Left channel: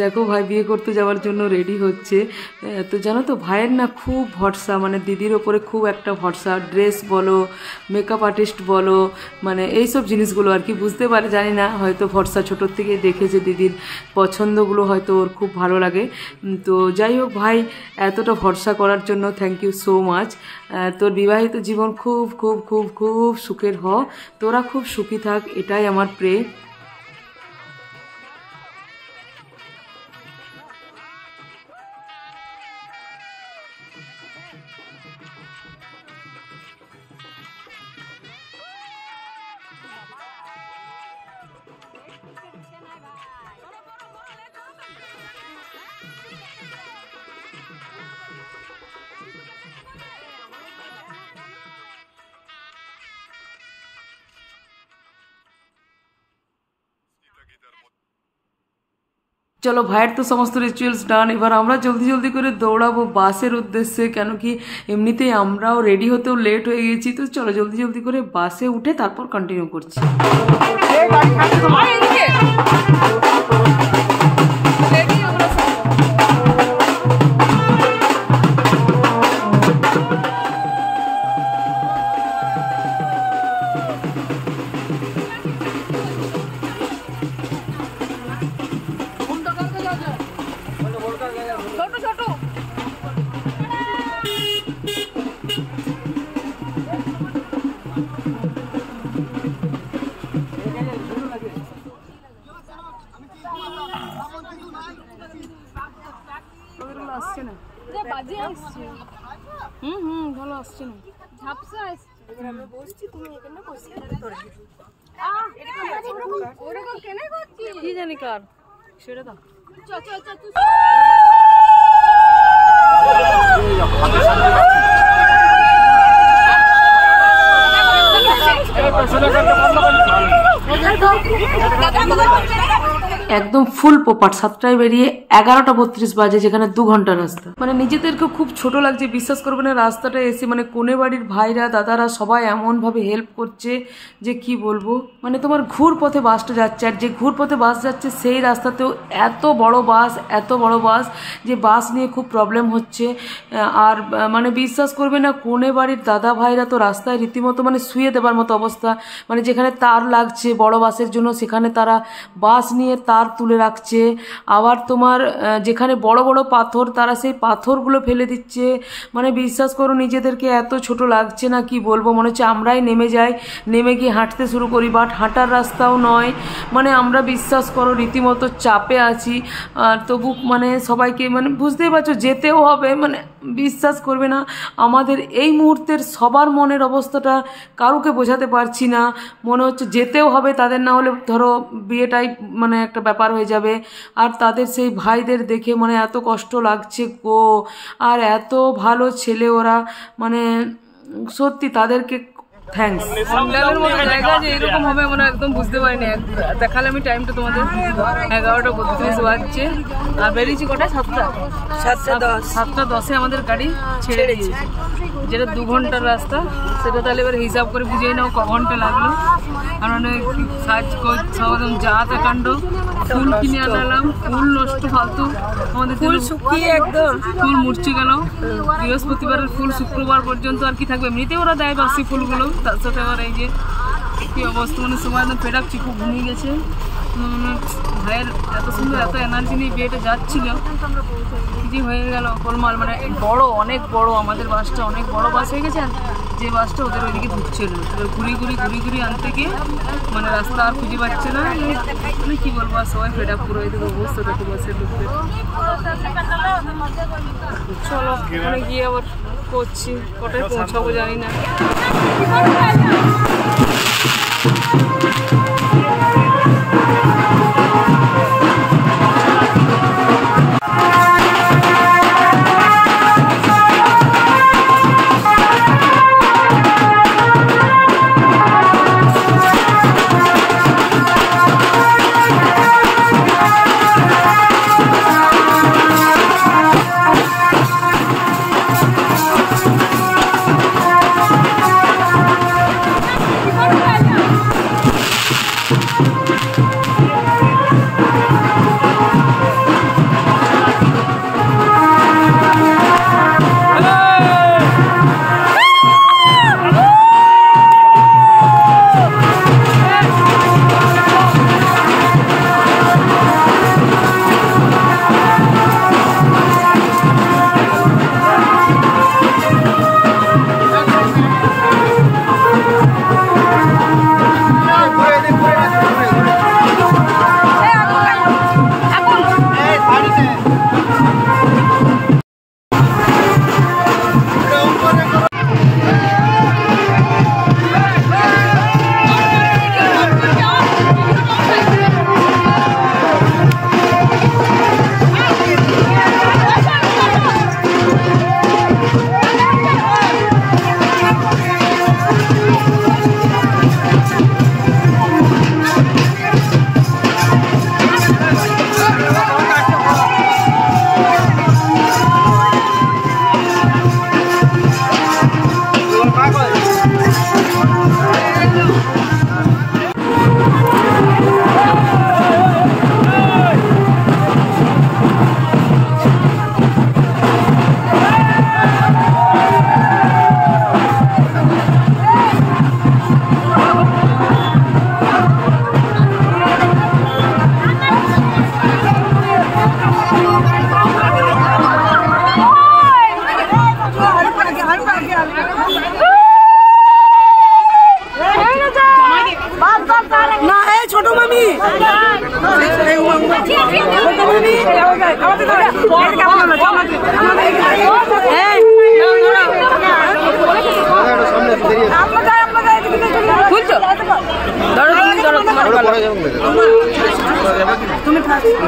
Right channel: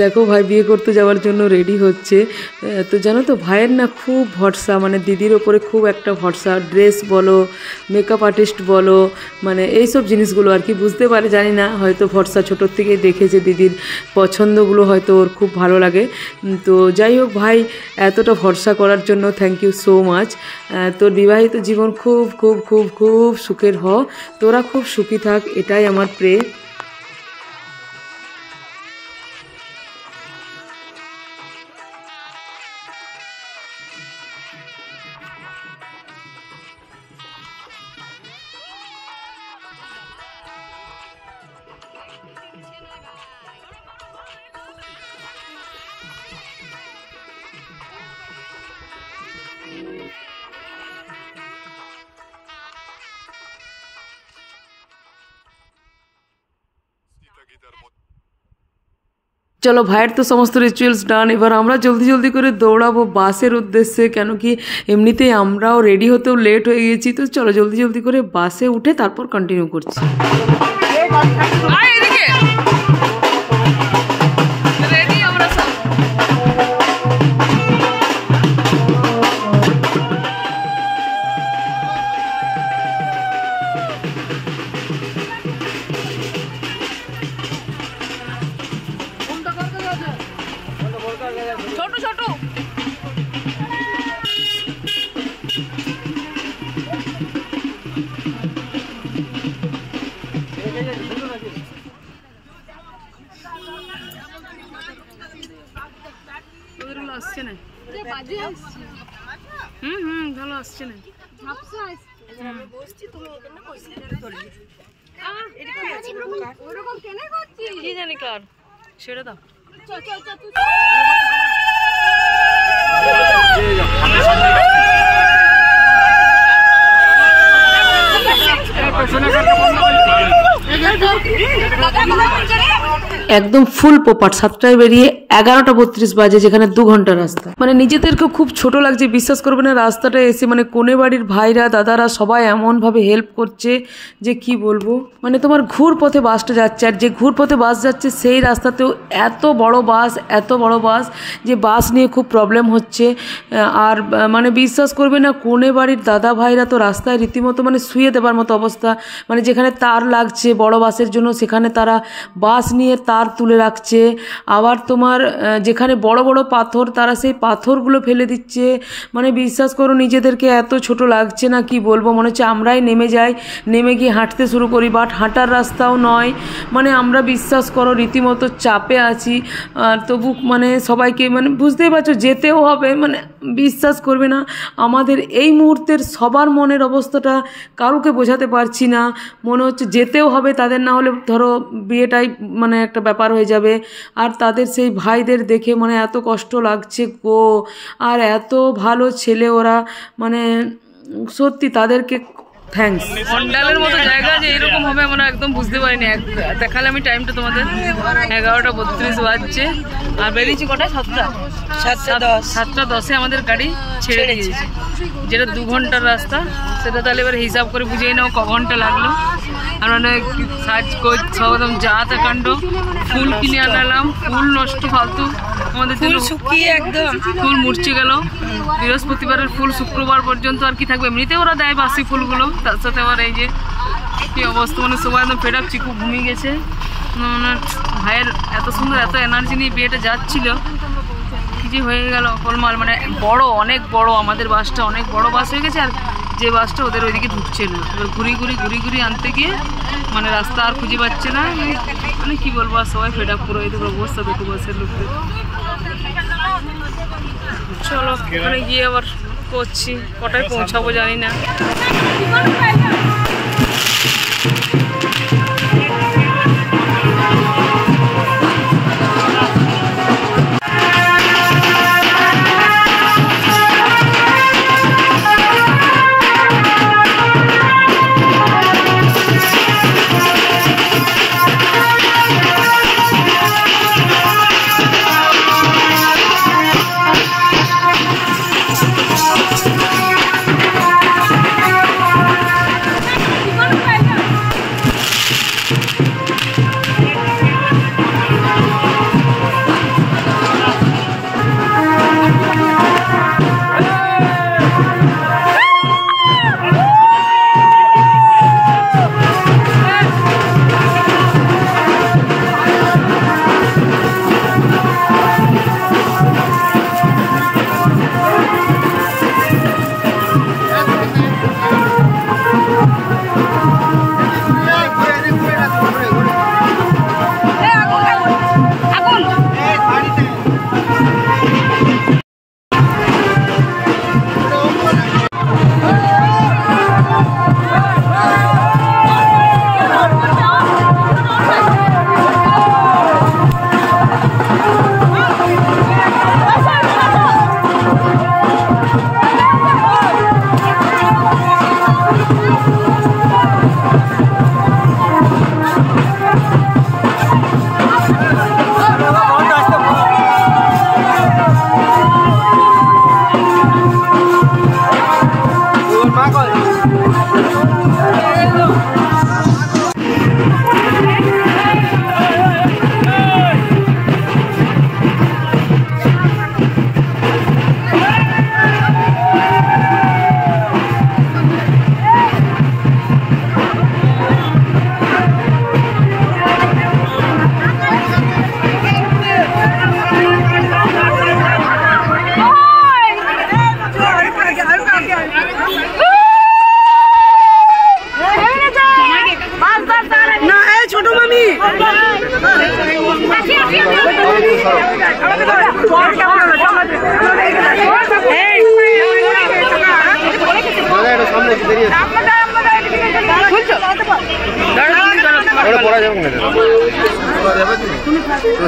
দেখো ভাই বিয়ে করতে যাওয়ার জন্য রেডি হচ্ছে। তো জানো তো ভাইয়ের না খুব ভরসা, মানে দিদির ওপরে খুব একটা ভরসা, ড্রেস বলো, মেকআপ আর্টিস্ট বলো, মানে এইসব জিনিসগুলো আর কি বুঝতে পারে জানি না, হয়তো ভরসা ছোটোর থেকেই দেখেছে, দিদির পছন্দগুলো হয়তো ওর খুব ভালো লাগে। তো যাই হোক ভাই, এতটা ভরসা করার জন্য থ্যাংক ইউ সো মাচ। তোর বিবাহিত জীবন খুব খুব খুব খুব সুখের হ, তোরা খুব সুখী থাক, এটাই আমার প্রে। চলো ভাইয়ের তো সমস্ত রিচুয়ালস ডান, এবার আমরা জলদি জলদি করে দৌড়াবো বাসের উদ্দেশ্যে, কেন কি এমনিতেই আমরাও রেডি হতেও লেট হয়ে গেছি। তো চলো জলদি জলদি করে বাসে উঠে তারপর কন্টিনিউ করছি। ভালো আসছে না, কি জানি কার সেটা দাও। একদম ফুল পোপাট, 7টায় বেরিয়ে 11টা 32 বাজে, যেখানে 2 ঘন্টা রাস্তা। মানে নিজেদেরকে খুব ছোট লাগছে, বিশ্বাস করবে না, রাস্তাটা এসে মানে কোনে বাড়ির ভাইরা দাদারা সবাই এমনভাবে হেল্প করছে যে কি বলবো। মানে তোমার ঘুর পথে বাসটা যাচ্ছে, আর যে ঘুর পথে বাস যাচ্ছে সেই রাস্তাতেও এত বড় বাস যে বাস নিয়ে খুব প্রবলেম হচ্ছে। আর মানে বিশ্বাস করবে না, কোনে বাড়ির দাদা ভাইরা তো রাস্তায় রীতিমতো মানে শুয়ে দেবার মতো অবস্থা, মানে যেখানে তার লাগছে বড় বাসের জন্য সেখানে তারা বাস নিয়ে তার তুলে রাখছে। আবার তোমার যেখানে বড় বড় পাথর তারা সেই পাথরগুলো ফেলে দিচ্ছে। মানে বিশ্বাস করো নিজেদেরকে এত ছোট লাগছে না, কি বলবো, মনে হচ্ছে আমরাই নেমে যাই, নেমে গিয়ে হাঁটতে শুরু করি, বাট হাঁটার রাস্তাও নয়। মানে আমরা বিশ্বাস করো রীতিমতো চাপে আছি, তবু মানে সবাইকে মানে বুঝতেই পারছো যেতেও হবে। মানে বিশ্বাস করবে না, আমাদের এই মুহূর্তের সবার মনের অবস্থাটা কাউকে বোঝাতে পারছি না। মনে হচ্ছে যেতেও হবে তাদের, না হলে ধরো বিয়েটাই মানে একটা ব্যাপার হয়ে যাবে। আর তাদের সেই ভাইদের দেখে মানে এত কষ্ট লাগছে গো, আর এত ভালো ছেলে ওরা, মানে সত্যি তাদেরকে থ্যাঙ্কস। মন্ডালের মতো জায়গা যে এরকম হবে আমরা একদম বুঝতে পারিনি। দেখালে আমি টাইমটা তোমাদের, 11টা 32 বাজছে, আর বেরিয়েছি কটায়? 7টা 10-এ আমাদের গাড়ি ছেড়ে দিয়েছে, যেটা 2 ঘন্টার রাস্তা। সেটা তাহলে এবার হিসাব করে বুঝিয়ে নাও ক ঘন্টা লাগলো। আর মানে সাজ কোচ সব একদম যা তা কাণ্ড, ফুল কিনে আনালাম, ফুল নষ্ট ফালতু, আমাদের ফুল শুকিয়ে একদম ফুল মুরছে গেল। বৃহস্পতিবারের ফুল শুক্রবার পর্যন্ত আর কি থাকবে, এমনিতে ওরা দেয় বাসি ফুলগুলো, তার সাথে আবার এই যে কি অবস্থা, মানে সবাই একদম ফেড আপ, চিকু ঘুমিয়ে গেছে। মানে ভাইয়ের এত সুন্দর এত এনার্জি নিয়ে বিয়েটা যাচ্ছিল, কি যে হয়ে গেল গোলমাল। মানে বড়, অনেক বড়, আমাদের বাসটা অনেক বড় বাস হয়ে গেছে, আর যে বাসটা ওদের ওইদিকে ঢুকছে না। এবার ঘুরি আনতে গিয়ে মানে রাস্তা আর খুঁজে পাচ্ছে না, মানে কি বলবো, আর সবাই ফেড আপ পুরো এই দেখো অবস্থা দেখো বাসের লোকদের। চলো ওখানে গিয়ে আবার করছি, কটায় পৌঁছাবো জানি না।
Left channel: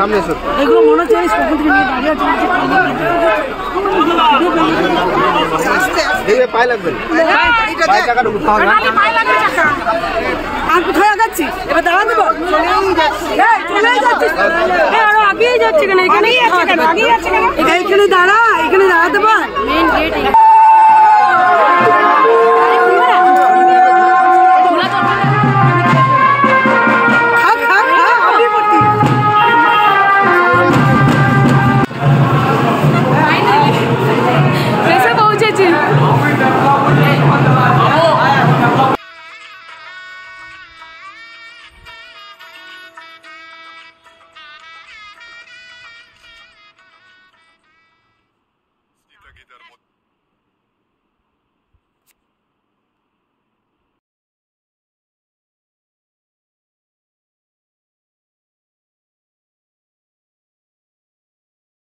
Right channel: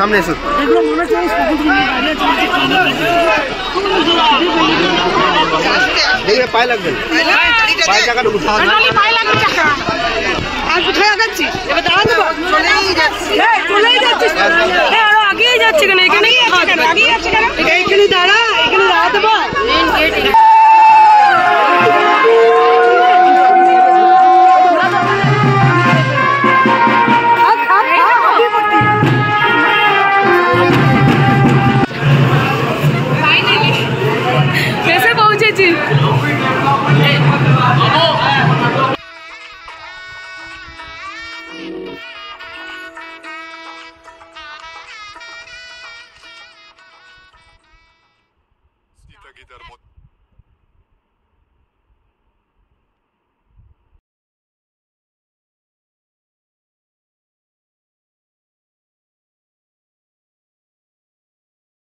সামনে এসো দেখে পায়ে লাগবে এবার দাঁড়া দেবো চলেই যাচ্ছি আগেই যাচ্ছে কেন এখানে এখানে দাঁড়া এখানে দাঁড়াতে পার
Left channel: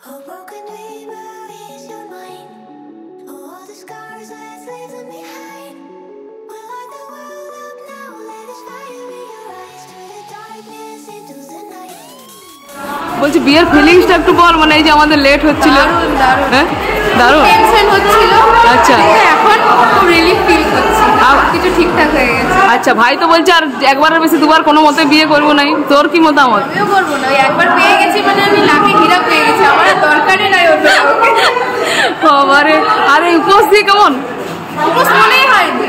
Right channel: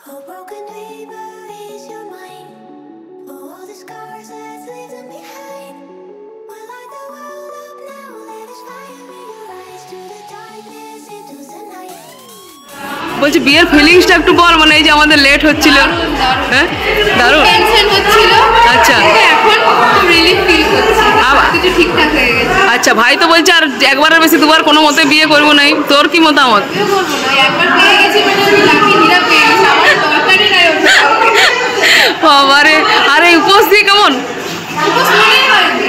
A broken neighbor is your mind. All the scars that's leave them behind. We light the world up now. Let us fire in your eyes to the darkness into the night. বলছি বিয়ের ফিলিংসটা একটু বল, মানে এই যে আমাদের late হচ্ছিল। হ্যাঁ দারুণ টেনশন হচ্ছিল। আচ্ছা এখন খুব রিলিফ ফিল করছি, কিছু ঠিকঠাক হয়ে গেছে। আচ্ছা ভাই তো বলছে আর একবারের বেশি দুবার কোনো মতে বিয়ে করবো নাই, তোর কি মতামত? আমিও করবো না, একবার পেয়ে গেছি মানে আমি লাকি হীরা পেয়ে গেছি, আমার দরকারই নাই ওটা। বাবারে, আর এই উপোস দিয়ে কেমন? উপোস মনেই হয়নি,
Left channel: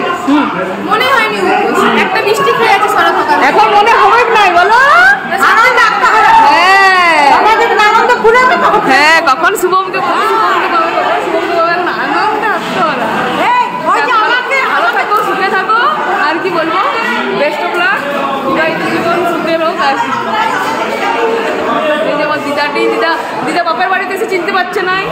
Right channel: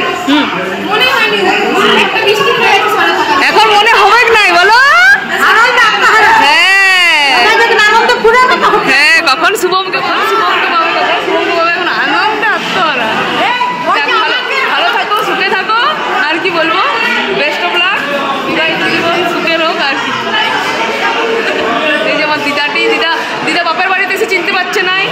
মনে হয়নি উপোস। একটা মিষ্টি খেয়ে গেছি সরে থাকা, এখন মনে হবে নাই বলো? হ্যাঁ কখন শুভমকে বলো, শুভমকে পাবে, কখন শুভমকে পাবে, এখন আনন্দ আসতে ওরা। ভালো ভালো থাকো, সুখে থাকো, আর কি বলবো, বেস্ট অফ লাক, বিবাহিত জীবন সুখের হোক। আর কি এই যে আমার দিদা বাপের বাড়িতে এসে চিনতে পারছে নাই।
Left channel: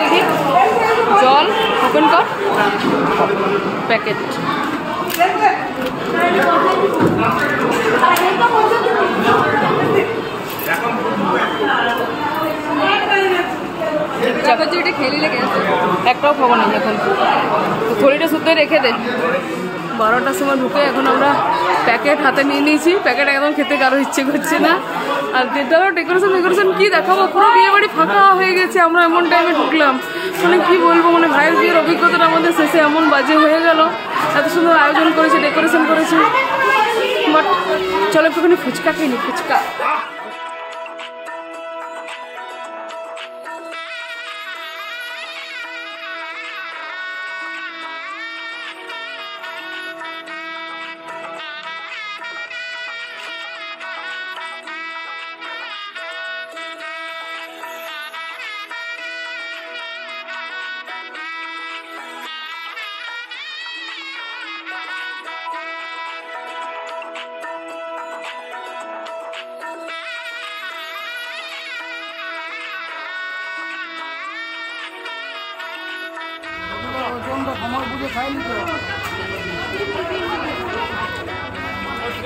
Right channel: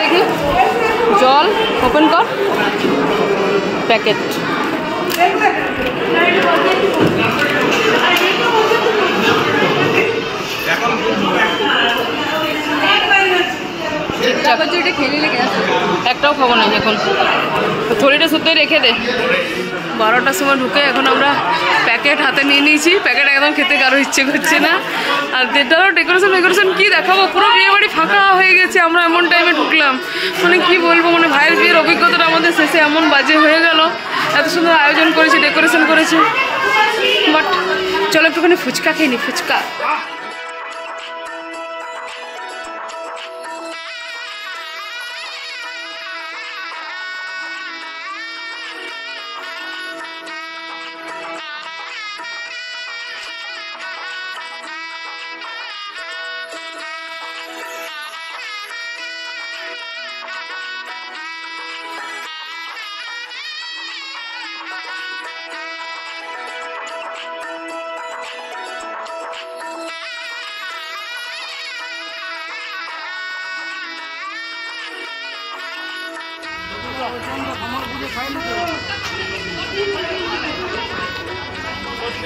দেখি জল ওপেন কর, প্যাকেট। একটাও খাবো না এখন, থলিটা শুদ্ধই রেখে দে। 12টার সময় ঢুকে এখন আমরা প্যাকেট হাতে নিয়ে নিয়েছি, প্যাকেট একদম খেতে কারো ইচ্ছে করছে না। আর যেটারও ডেকোরেশন কী দেখাবো, পুরো বিয়ে বাড়ি ফাঁকা হয়ে গেছে, আমরা এমন টাইমে ঢুকলাম, মানে কি বলবো, মানে ভাইয়ের বিয়ের অভিজ্ঞতাটা আমাদের শেষে এমন বাজে হয়ে গেল। এত সুন্দর আয়োজন করেছে, ডেকোরেশন করেছে, বাট চলো একটুখানি ফুচকা খেয়ে নি, ফুচকা।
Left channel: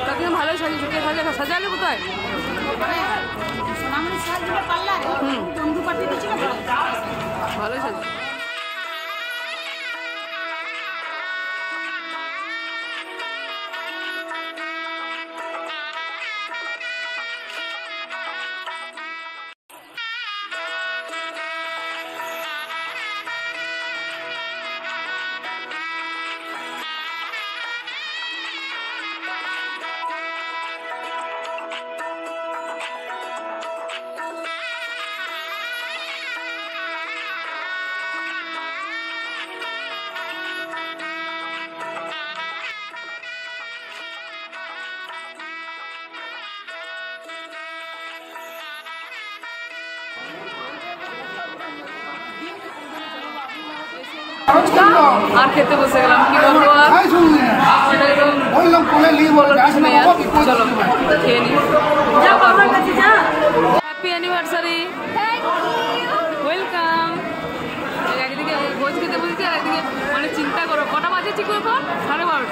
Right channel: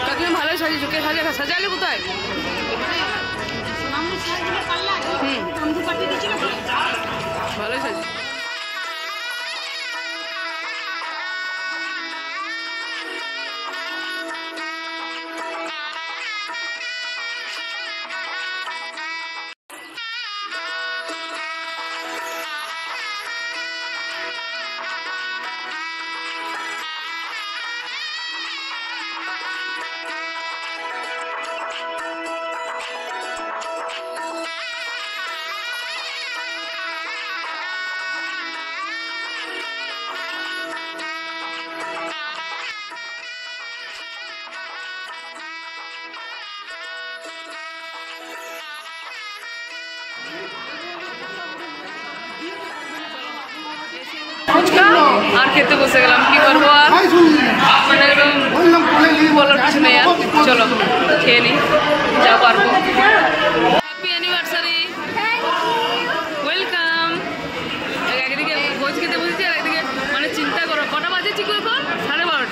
কাকিমা ভালোই সাজিয়েছো, কে সাজালে কোথায়? ভালোই সাজিয়েছো। ফুচকা আর খেতে বসে গেলাম, কি করবো আর, মানে একদম বলার কিছু নেই আর। চলো খেয়ে নিই যা পারবো। Happy anniversary, welcome. একদিকে ভোজ খেতে বলছি আর একদিকে মানে চিন্তা করো কটা বাজেছি কি এখন, 12:30।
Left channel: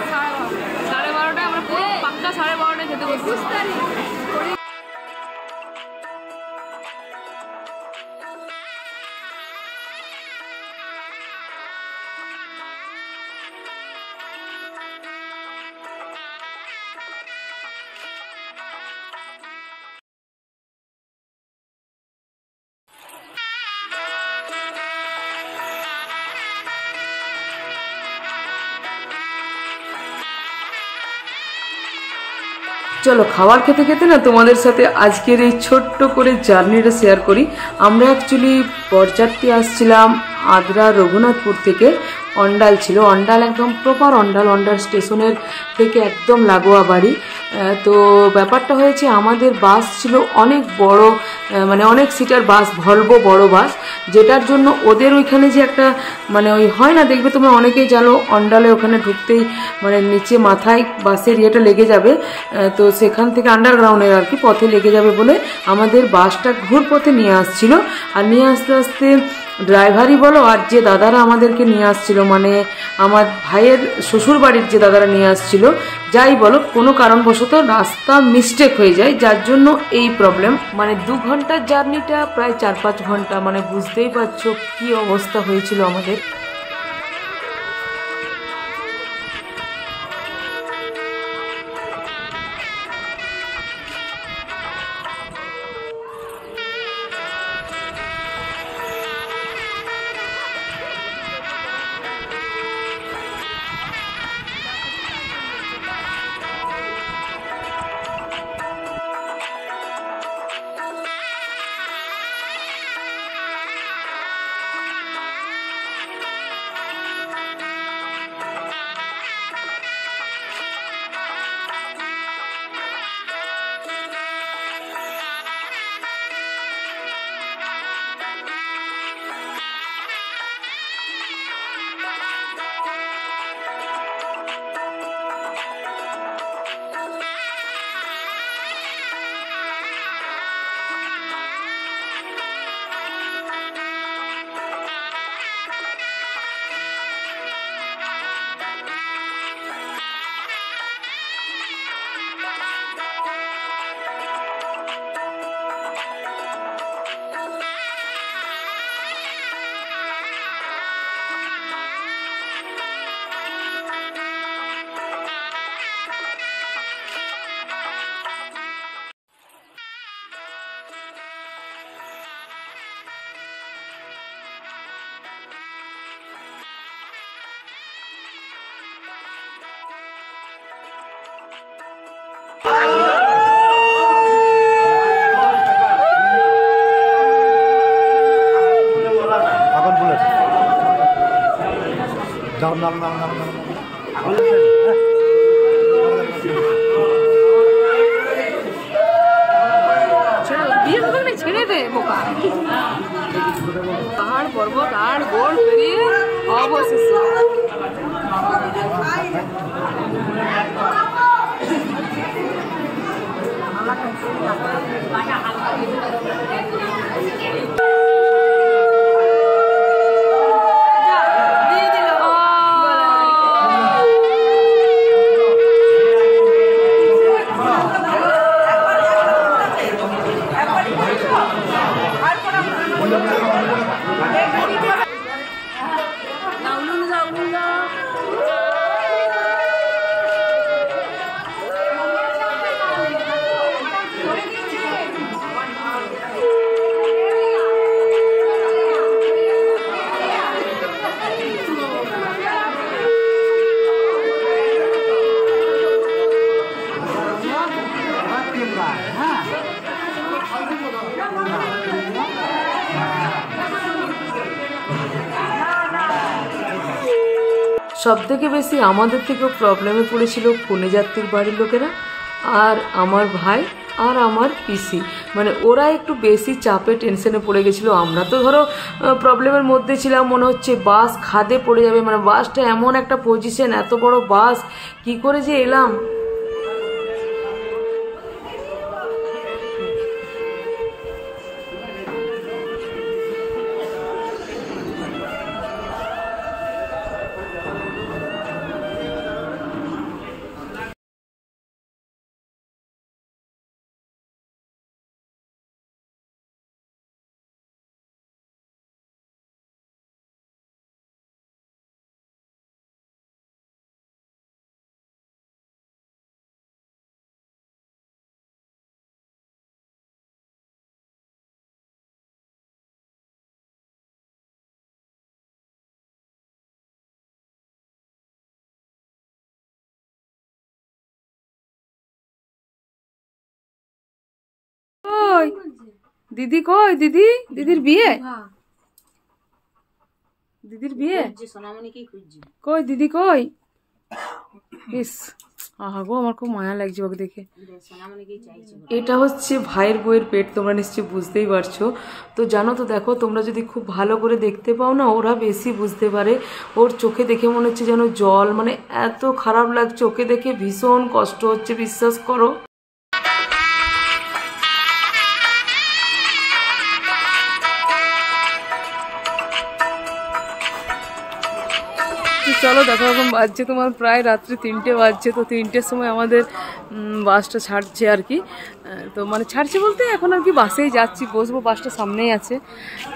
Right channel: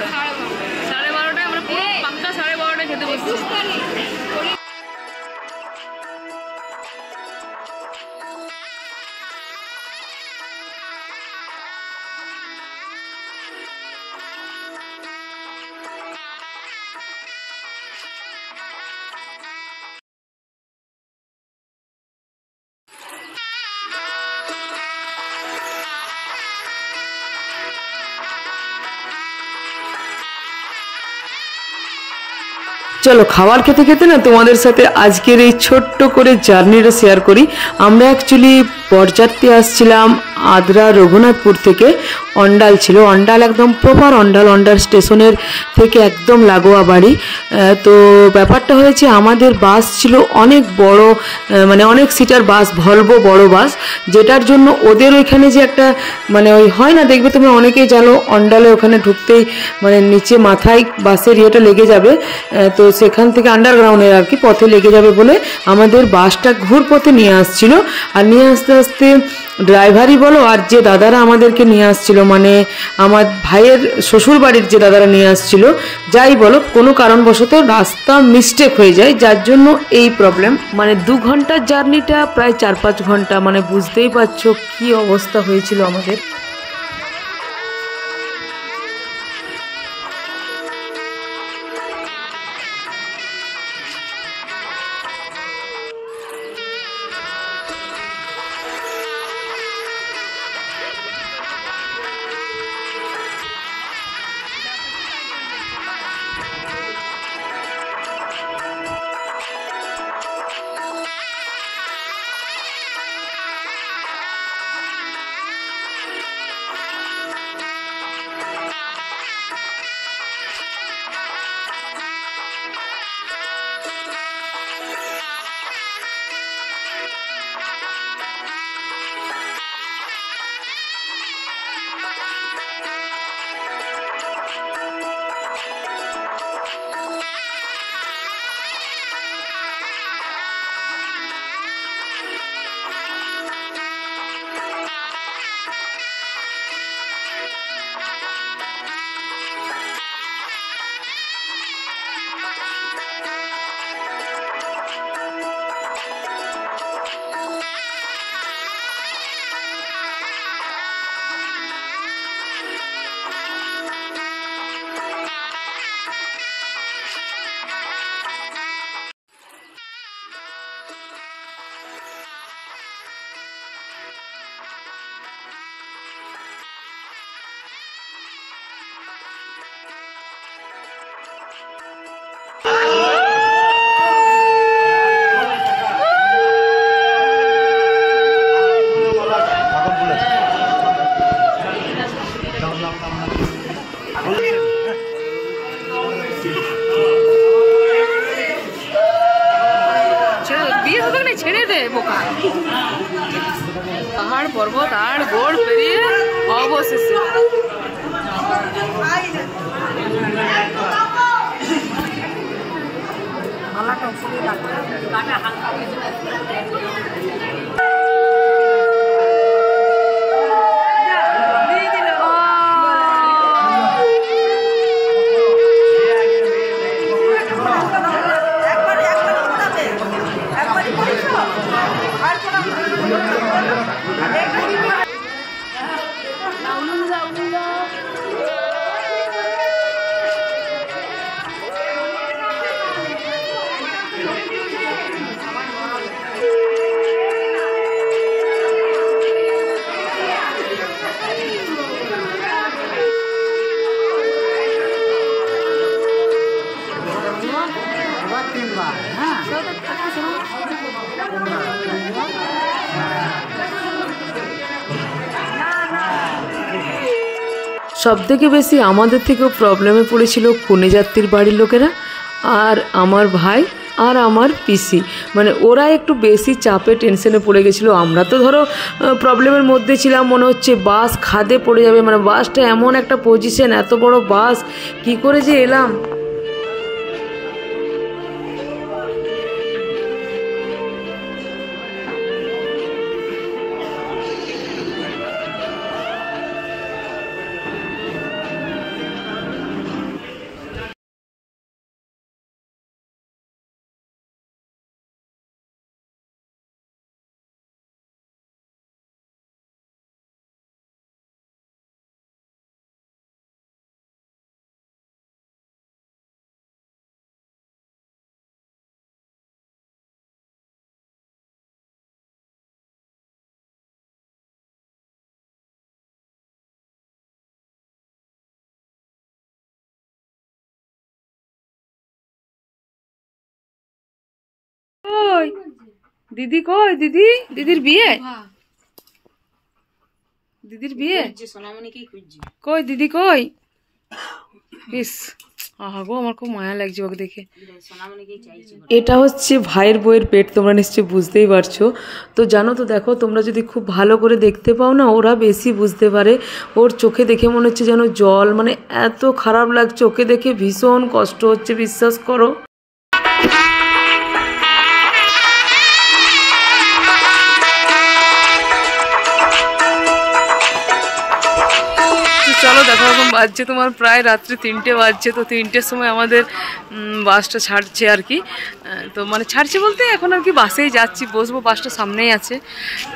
12:30 আমরা পুরো পাক্কা 12:30 খেতে বসছি। চলো খাবার খেতে খেতে না তোমাদের সাথে আজকের এই ছোট্ট করে জার্নিটা শেয়ার করি। আমরা অ্যাকচুয়ালি বরযাত্রী আসছিলাম আদ্রা রঘুনাথপুর থেকে। অন্ডাল ছিল, অন্ডাল একদম প্রপার অন্ডাল, অন্ডাল স্টেশনের থেকে একদম লাগোয়া বাড়ি। তো ব্যাপারটা হয়েছে আমাদের বাস ছিল অনেক বড়, মানে অনেক সিটার বাস, ভলভো বড় বাস, যেটার জন্য ওদের এখানে যে একটা মানে ওই হয় না, দেখবে তোমরা অনেকেই জানো অন্ডালে ওখানে ঢুকতেই মানে নিচে মাথায় বাসের ইয়েটা লেগে যাবে, তো সেখান থেকে আন্ডারগ্রাউন্ডের আর কি পথে লেগে যাবে বলে আমাদের বাসটা ঘুর পথে নিয়ে আসছিল। আর নিয়ে আসতে আসতে ড্রাইভারই বলো আর যে দাদারা আমাদেরকে নিয়ে আসছিল, মানে আমার ভাইয়ের শ্বশুর বাড়ির যে দাদারা নিয়ে আসছিল, যাই বলো কোনো কারণবশত রাস্তা মিস্টেক হয়ে যায়, যার জন্য এই প্রবলেম। মানে 2 ঘন্টার জার্নিটা প্রায় 4-5 ঘন্টা, মানে বুঝতেই পারছো কি অবস্থা হয়েছিল আমাদের। ছেড়ে দে বোকা, পাহাড় পর্বত আর গোড় পেরিয়ে অবশেষে সবথেকে বেশি আমাদের থেকেও প্রবলেমে পড়েছিল কনে যাত্রীর বাড়ির লোকেরা। আর আমার ভাই আর আমার পিসি, মানে ওরা একটু বেশি চাপে টেনশনে পড়ে গেছিলো। আমরা তো ধরো প্রবলেমের মধ্যে ছিলাম, মনে হচ্ছে বাস খাদে পড়ে যাবে, মানে বাসটা এমন একটা পজিশন, এত বড় বাস কি করে যে এলাম। কই দিদি, কই দিদি, দিদির বিয়ে, দিদির বিয়ে কই, দিদি কই? ইস, আহা গো, আমার খুব মায়া লাগছে ওকে দেখে। এটা হচ্ছে ভাইয়ের বইয়ের পেট, তোমরা নিশ্চয়ই বুঝতেই পারছো। তো জানো তো, দেখো তোমরা যদি খুব ভালো করে দেখতে পাও না, ওরা বেশি বুঝতে পারে। ওর চোখে দেখে মনে হচ্ছে যেন জল, মানে এত খারাপ লাগছে ওকে দেখে, ভীষণ কষ্ট হচ্ছে, বিশ্বাস করো। চলো দেখো, এখন বাজছে তোমার প্রায় রাত্রি 3টে বাজছে। তো 3টের সময় আমাদের বাসটা ছাড়ছে আর কি। তো মানে ছাড়ছে বলতে এখন আর কি বাসেই যাচ্ছি, বসবো, বাসটা সামনেই আছে।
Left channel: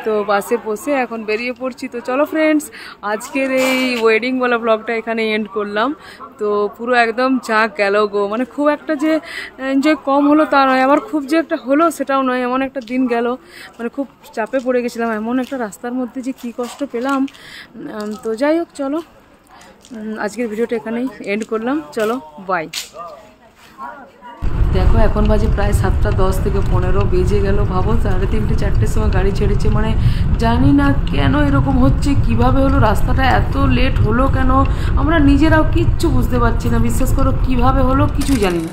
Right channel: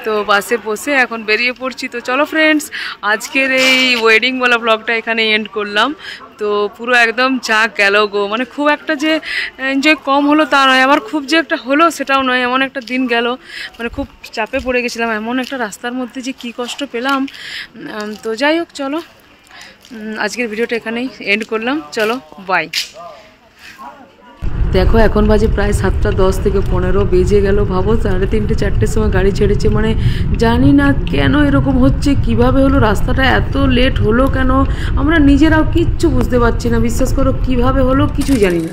তো বাসে বসে এখন বেরিয়ে পড়ছি। তো চলো ফ্রেন্ডস, আজকের এই ওয়েডিংওয়ালা ব্লগটা এখানে এন্ড করলাম। তো পুরো একদম যা গেল গো, মানে খুব একটা যে এনজয় কম হলো তা নয়, আবার খুব যে একটা হলো সেটাও নয়, এমন একটা দিন গেল, মানে খুব চাপে পড়ে গেছিলাম। এমন একটা রাস্তার মধ্যে যে কি কষ্ট পেলাম। তো যাই হোক, চলো আজকের ভিডিওটা এখানেই এন্ড করলাম। চলো বাই। দেখো এখন বাজে প্রায় 7টা 10 থেকে 15 বেজে গেল। ভাবো 3:30 4টের সময় গাড়ি ছেড়েছে, মানে জানি না কেন এরকম হচ্ছে, কিভাবে হলো, রাস্তাটা এত লেট হলো কেন, আমরা নিজেরাও কিচ্ছু বুঝতে পারছি না। বিশ্বাস করো কিভাবে হলো কিছুই জানি না।